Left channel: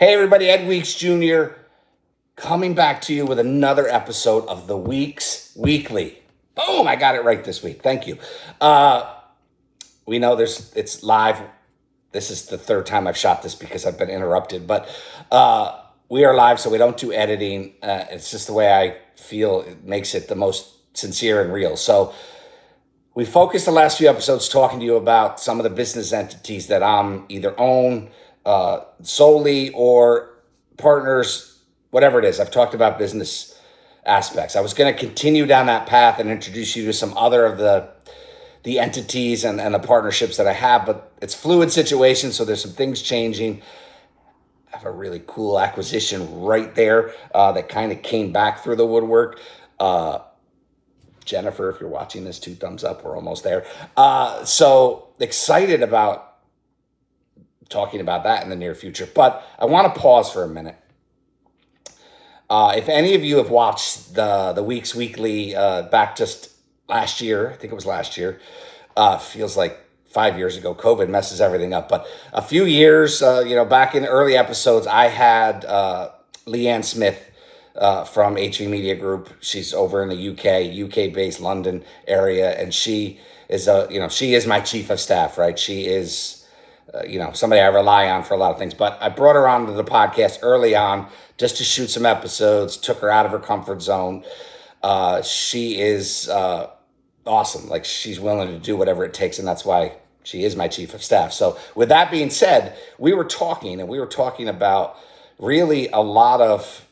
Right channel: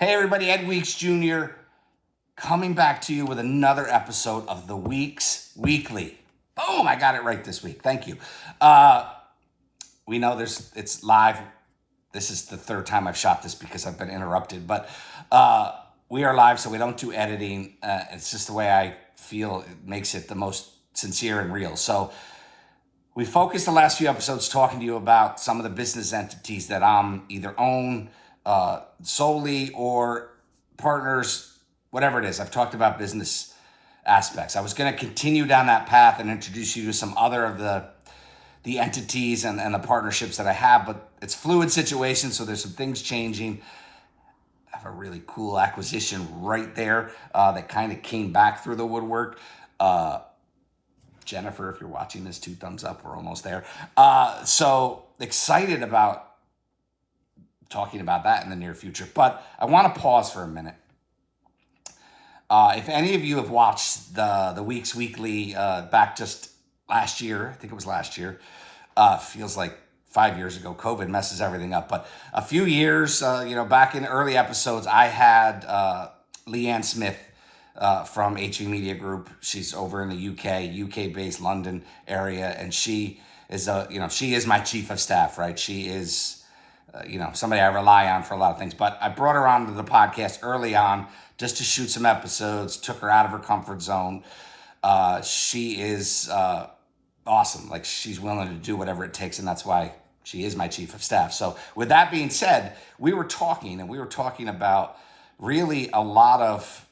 Hey everybody, Ed Weeks Jr. coming back to you with another episode of the Weeks Weekly. Boom, I got it right this week. Thank you. We know it's live. This is the third time I've shot this because I've been interrupted, but we are live, so we don't do editing. It's just the way I feel it makes it the most sincere and real. So we focused the last few episodes talking to you about some of the business entities that I'm either own solely or partners, whatever it is. I've talked about business aspects. I was going to continue down that path and introduce you to some other of the entities and the partnerships that I have, but it's fluid situation, so there's some things changing. I have a really cool acquisition right there that kind of came back through the woodwork. Jennifer, if you're watching this, 2 thumbs up. We're almost there. So excited about talking about that in the near future. But I want to pause for a minute. If any of you have watched the Weeks Weekly back just last year, I think it was last year, feels like 5 years ago. COVID messes everything up. But a few years, back in early episodes, I had Leanne Smith from HV Media Group. She's over in the UK-based London area, and she is she is my chief of staff, right? She is somebody I rely on for a lot of things. But I brought her onto the podcast early on just to shoot some episodes, took her out of her comfort zone. She is awesome. Like, she's willing to do whatever it takes, and that's why she is my chief of staff. So with that being said, we were talking about really a lot of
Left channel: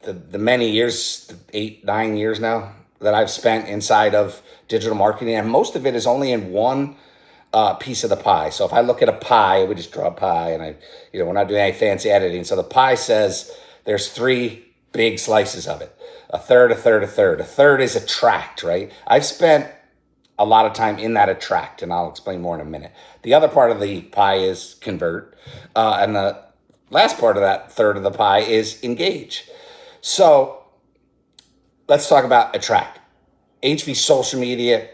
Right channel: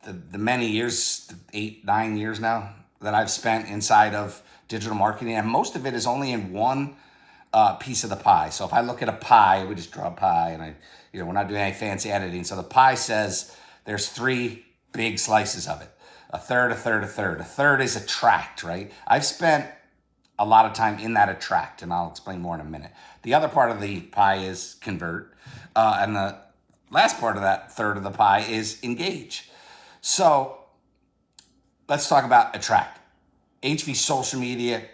the many years, 8-9 years now, that I've spent inside of digital marketing, and most of it is only in one piece of the pie. So if I look at a pie, we just draw a pie, and we're not doing any fancy editing. So the pie says there's 3 big slices of it. A third, a third, a third. A third is attract, right? I've spent a lot of time in that attract, and I'll explain more in a minute. The other part of the pie is convert, and the last part of that third of the pie is engage. So let's talk about attract. HV social media,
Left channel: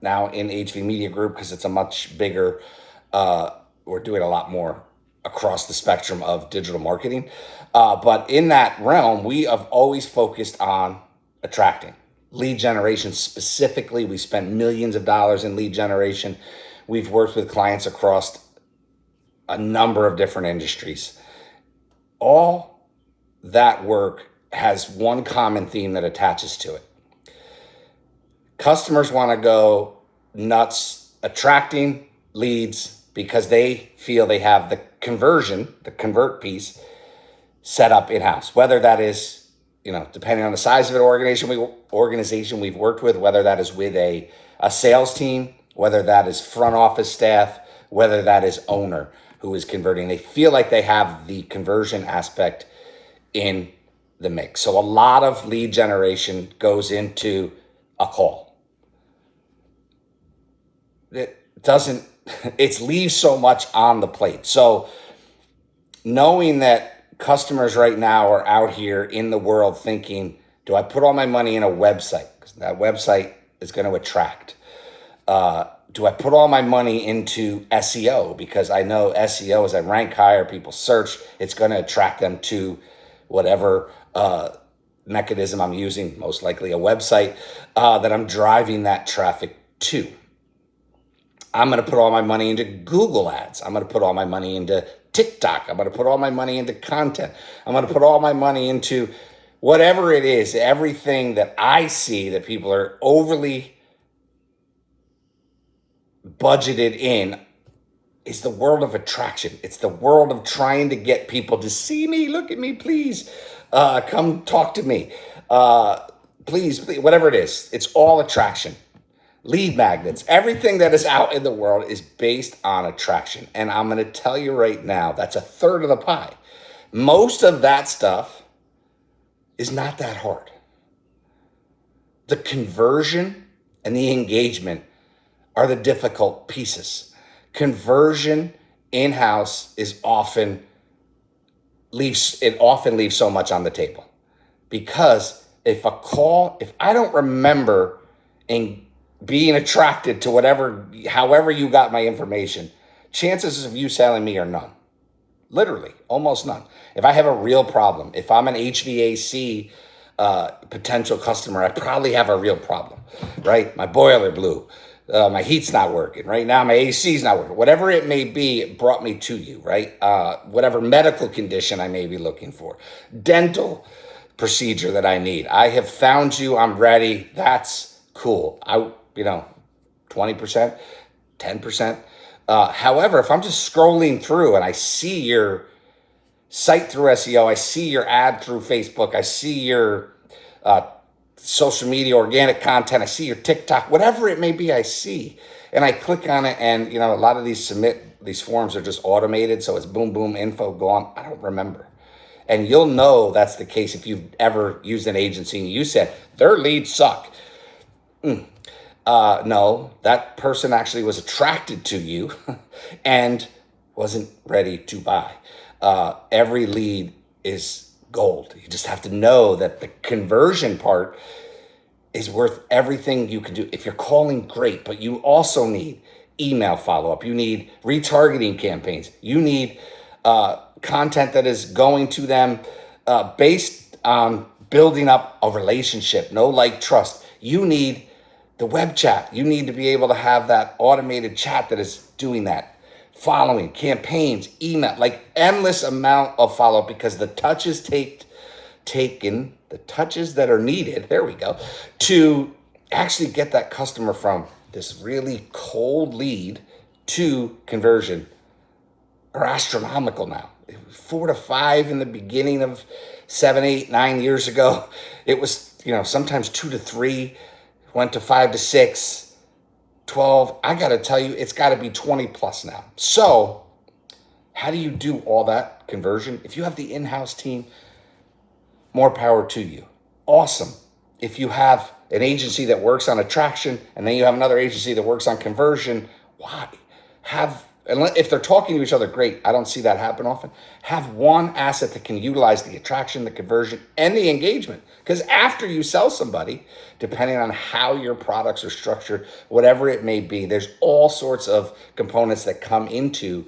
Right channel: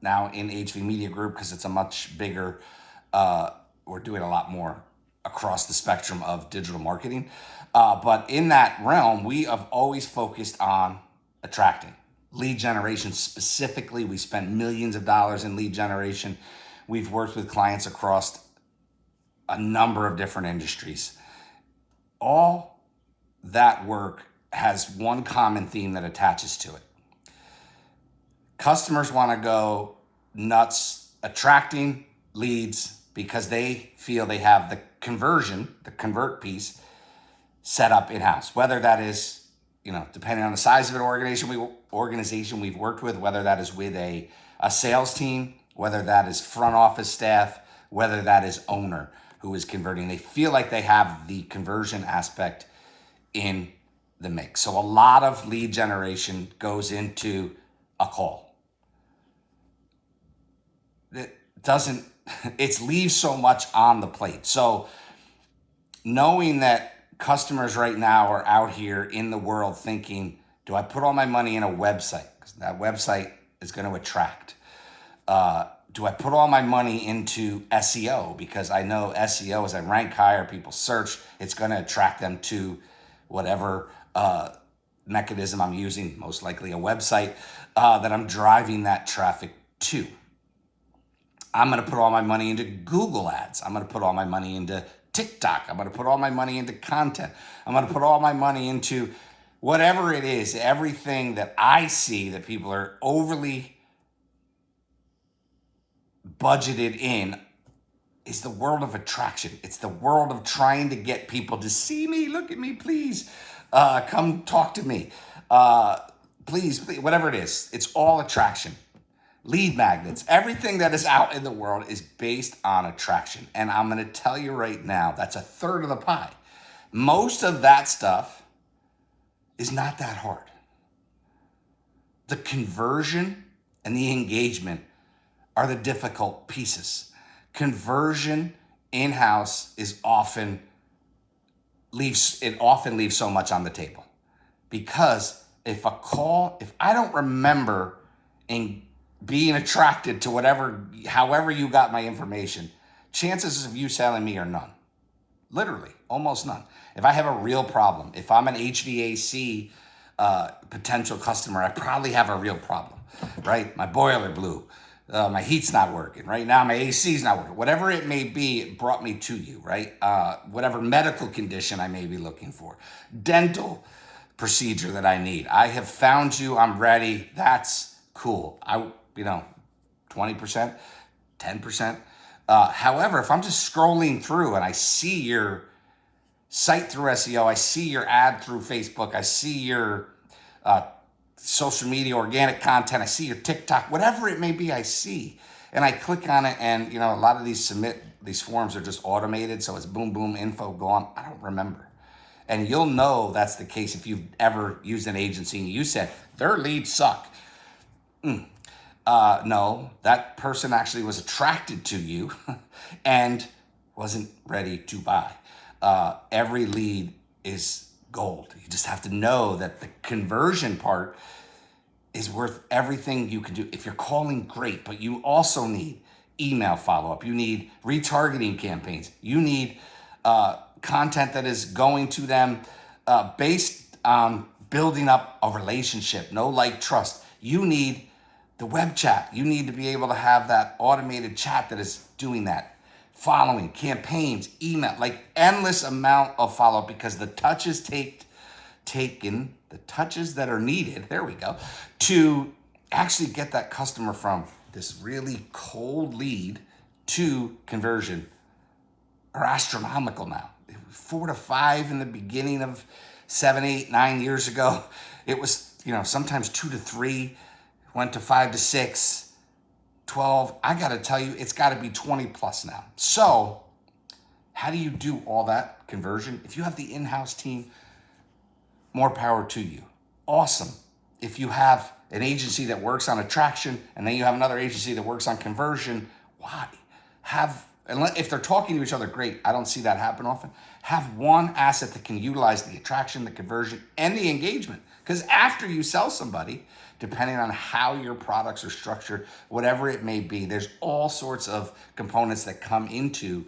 now in HV Media Group, because it's a much bigger, we're doing a lot more across the spectrum of digital marketing. But in that realm, we have always focused on attracting. Lead generation specifically, we spent millions of dollars in lead generation. We've worked with clients across a number of different industries. All that work has one common theme that attaches to it. Customers want to go nuts attracting leads because they feel they have the convert piece set up in-house, whether that is, depending on the size of an organization we've worked with, whether that is with a sales team, whether that is front office staff, whether that is owner who is converting. They feel like they have the conversion aspect in the mix. So a lot of lead generation goes into a call. It leaves so much on the plate. So knowing that customers right now are out here in the world thinking, do I put all my money in a website? Because that website is going to attract. Do I put all my money into SEO? Because I know SEO, as I rank higher, people search, it's going to attract them to whatever mechanism I'm using, most likely a website, that I'm driving that traffic to. I'm going to put all my money into Google ads. I'm going to put all my money into TikTok. I'm going to put all my money into content. I'm going to put all my money into whatever it is, everything that I see that people are overly budgeted in is the world of attraction. It's the world of trying to get people to see me, look at me, please, come talk to me, please, whatever it is. It's all attraction. Lead magnets, everything that is out in the world is based on attraction. And I'm going to tell you right now, that's a third of the pie. Most of that stuff is not that hard. The conversion and the engagement are the difficult pieces. Conversion in-house often leaves so much on the table, because if I don't remember in being attracted to however you got my information, chances of you selling me are none. literally almost none. If I have a real problem, if I'm an HVAC potential customer, I probably have a real problem, right? My boiler blew. My heat's not working. Right now, my AC's not working. Whatever it may be, it brought me to you, right? Whatever medical condition I may be looking for. Dental procedure that I need. I have found you. I'm ready. That's cool. 20%, 10%. However, if I'm just scrolling through and I see your site through SEO, I see your ad through Facebook, I see your social media, organic content, I see your TikTok, whatever it may be, I see. And I click on it, and a lot of these forms are just automated, so it's boom, boom, info, go on. I don't remember. And you'll know that's the case if you've ever used an agency and you said, their leads suck. No, that person actually was attracted to you and wasn't ready to buy. Every lead is gold. You just have to know that the conversion part is worth everything you can do. If you're calling, great, but you also need email follow-up. You need retargeting campaigns. You need content that is going to them based on building up a relationship, know, like, trust. You need the web chat. You need to be able to have that automated chat that is doing that. Following, campaigns, email, like endless amount of follow-up, because the touches taken, the touches that are needed, there we go, to actually get that customer from this really cold lead to conversion are astronomical now. 4 to 5 in the beginning of 7, 8, 9 years ago. It was, sometimes 2 to 3, went to 5 to 6. 12, I got to tell you, it's got to be 20 plus now. So how do you do all that conversion? If you have the in-house team, more power to you. Awesome. If you have an agency that works on attraction and then you have another agency that works on conversion, why? If they're talking to each other, great. I don't see that happen often. Have one asset that can utilize the attraction, the conversion, and the engagement. Because after you sell somebody, depending on how your products are structured, whatever it may be, there's all sorts of components that come into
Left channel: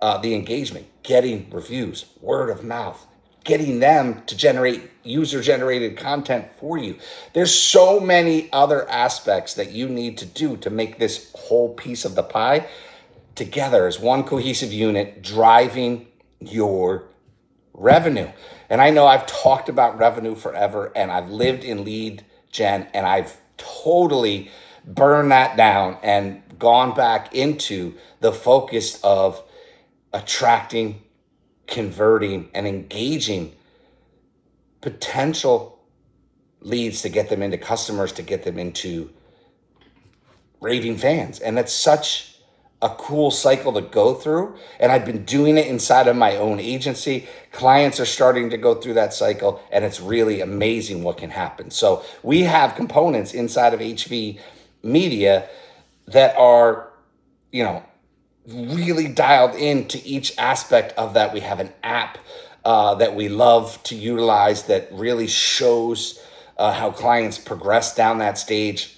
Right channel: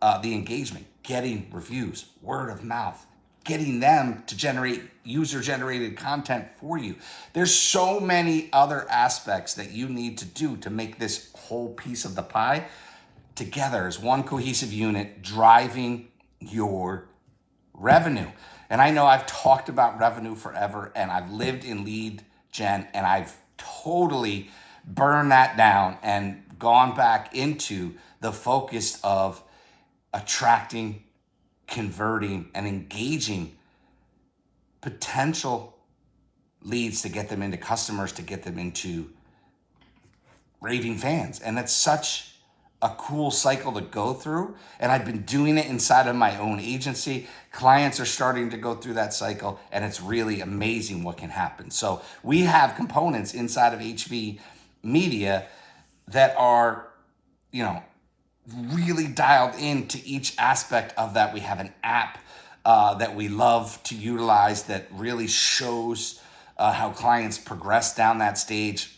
the engagement. Getting reviews, word of mouth, getting them to generate user-generated content for you. There's so many other aspects that you need to do to make this whole piece of the pie together as one cohesive unit driving your revenue. And I know I've talked about revenue forever, and I've lived in lead gen, and I've totally burned that down and gone back into the focus of attracting, converting, and engaging potential leads to get them into customers, to get them into raving fans. And that's such a cool cycle to go through. And I've been doing it inside of my own agency. Clients are starting to go through that cycle, and it's really amazing what can happen. So we have components inside of HV Media that are, really dialed into each aspect of that. We have an app that we love to utilize that really shows how clients progress down that stage.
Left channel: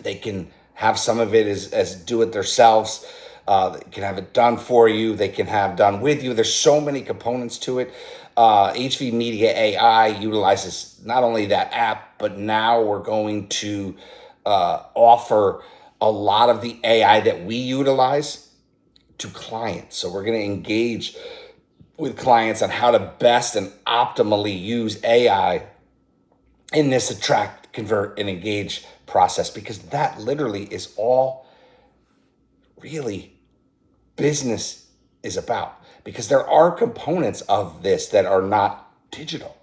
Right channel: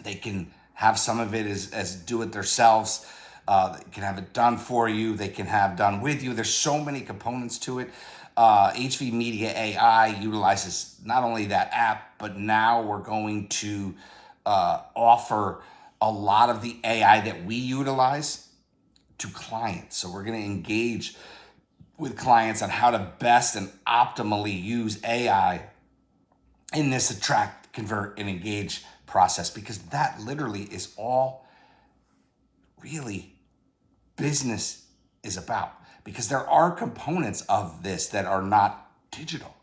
They can have some of it as do it themselves. They can have it done for you. They can have done with you. There's so many components to it. HV Media AI utilizes not only that app, but now we're going to offer a lot of the AI that we utilize to clients. So we're going to engage with clients on how to best and optimally use AI in this attract, convert, and engage process, because that literally is all really business is about. Because there are components of this that are not digital,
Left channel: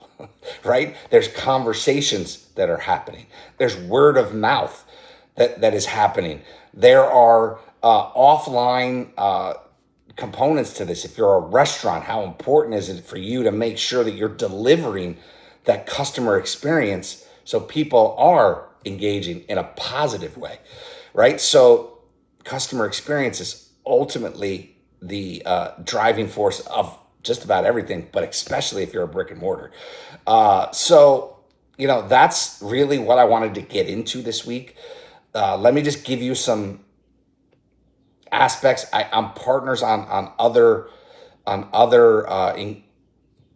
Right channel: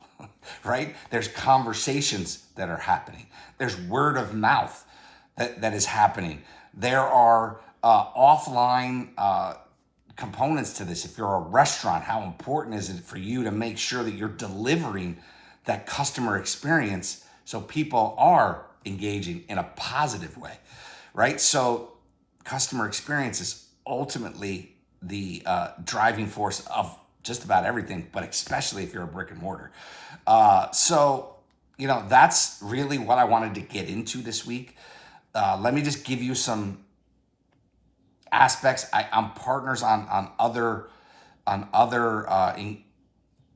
right? There's conversations that are happening. There's word of mouth that is happening. There are offline components to this. If you're a restaurant, how important is it for you to make sure that you're delivering that customer experience so people are engaging in a positive way, right? So customer experience is ultimately the driving force of just about everything, but especially if you're a brick and mortar. So that's really what I wanted to get into this week. Let me just give you some aspects. I'm partners on other on other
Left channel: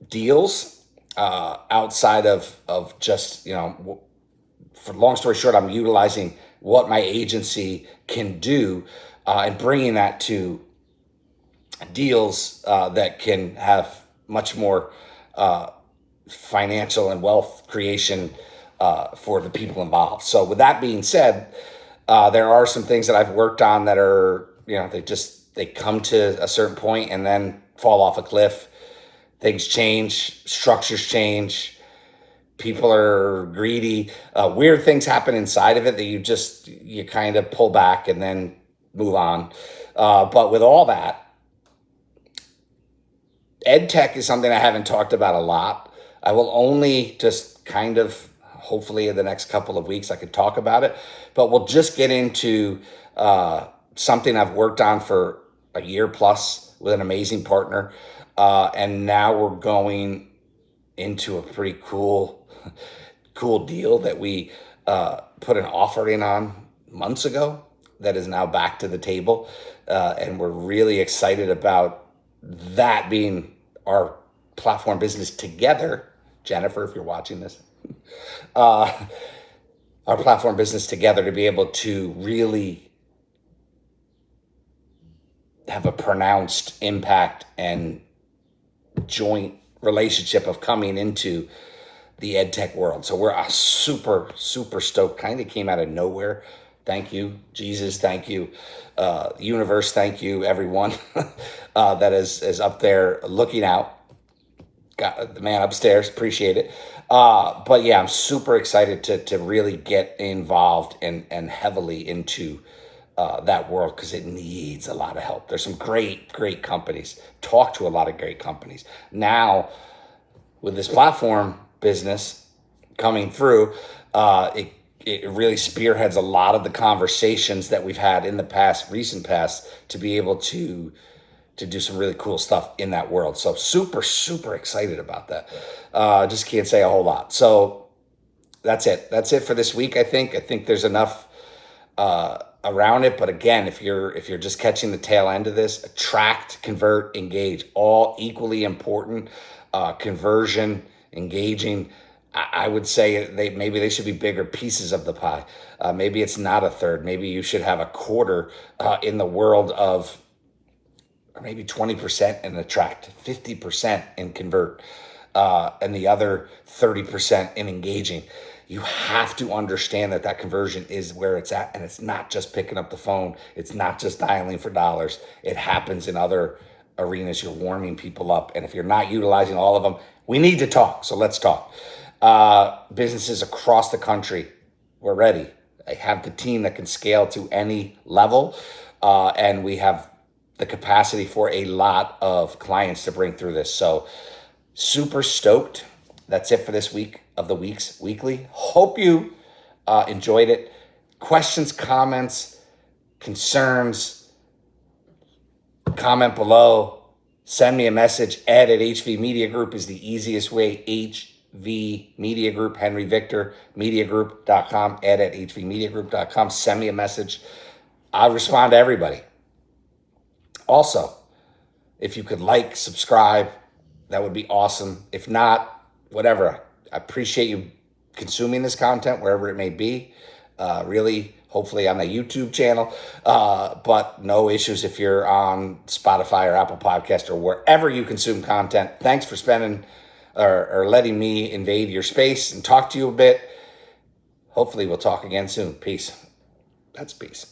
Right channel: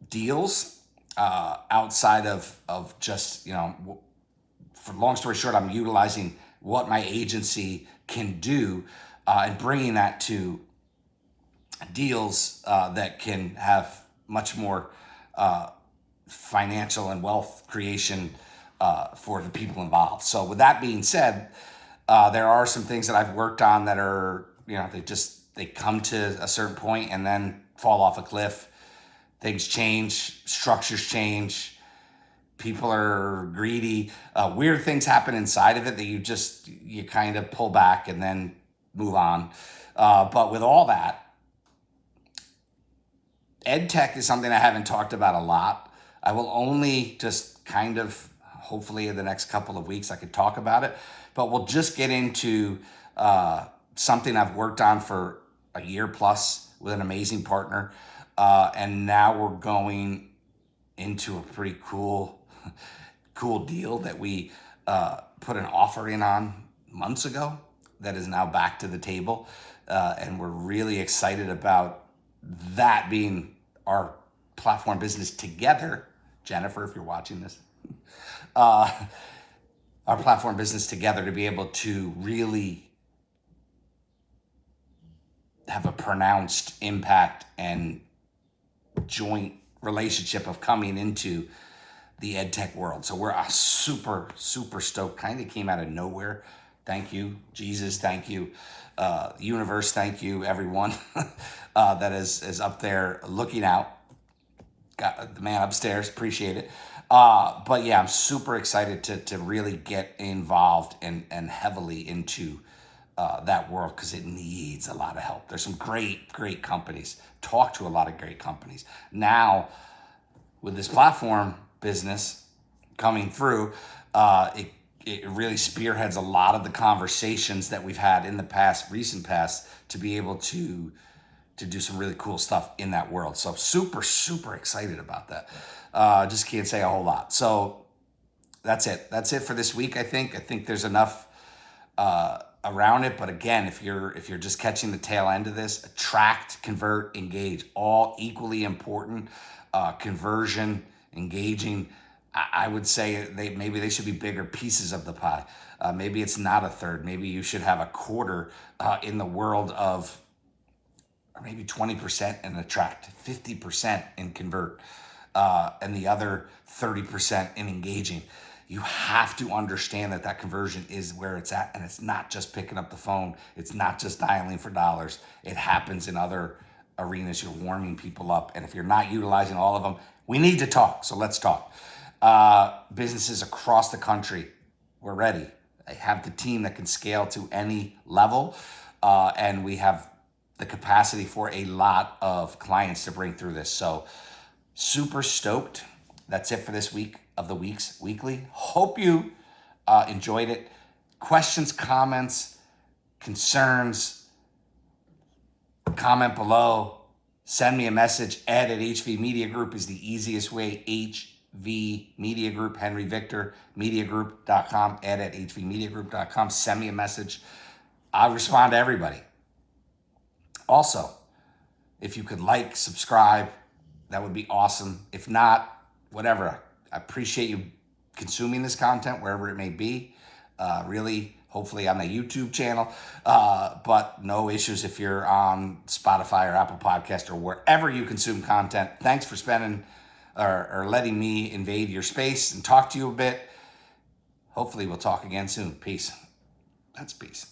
deals outside of just, for long story short, I'm utilizing what my agency can do and bringing that to deals that can have much more financial and wealth creation for the people involved. So with that being said, there are some things that I've worked on that are, they come to a certain point and then fall off a cliff. Things change, structures change, people are greedy, weird things happen inside of it that you kind of pull back and then move on. But with all that, ed tech is something I haven't talked about a lot. I will only just kind of, hopefully in the next couple of weeks, I could talk about it, but we'll just get into something I've worked on for a year plus with an amazing partner. And now we're going into a pretty cool deal that we put an offer in on months ago that is now back to the table. And we're really excited about that being our platform business together. Jennifer, if you're watching this, our platform business together to be able to really have a pronounced impact and joint relationship of coming into the ed tech world. So we're super stoked. Kind of came out of nowhere. Thank you, Jesus. Thank you, universe. Thank you, everyone that is up there looking out. Got the man upstairs. Appreciate it. But yeah, I'm super excited to really get involved and heavily into that world because it needs a lot of help. There's some great companies. Talk to a lot of great companies. Now, with this platform business coming through, it really spearheads a lot of the conversations that we've had in the recent past, to be able to do some really cool stuff in that world. So super excited about that. Just can't say a whole lot. So that's it. That's it for this week. I think there's enough around it. But again, if you're just catching the tail end of this, attract, convert, engage, all equally important. Conversion, engaging, I would say maybe they should be bigger pieces of the pie. Maybe it's not a third. Maybe you should have a quarter in the world of, or maybe 20% in attract, 50% in convert, and the other 30% in engaging. You have to understand that conversion is where it's at, and it's not just picking up the phone. It's not just dialing for dollars. It happens in other arenas. You're warming people up, and if you're not utilizing all of them, we need to talk. So let's talk. Businesses across the country, we're ready. I have the team that can scale to any level, and we have the capacity for a lot of clients to bring through this. So super stoked. That's it for this week of the Weeks Weekly. Hope you enjoyed it. Questions, comments, concerns, comment below. Send me a message. Ed at HV Media Group is the easiest way. HV Media Group, Henry Victor, mediagroup.com, ed at hvmediagroup.com. Send me a message. I'll respond to everybody. Also, if you could like, subscribe, that would be awesome. If not, whatever. I appreciate you consuming this content wherever it may be. Really, hopefully on the YouTube channel, but no issues if you're on Spotify or Apple Podcast or wherever you consume content. Thanks for spending or letting me invade your space and talk to you a bit. Hopefully we'll talk again soon. Peace. That's peace.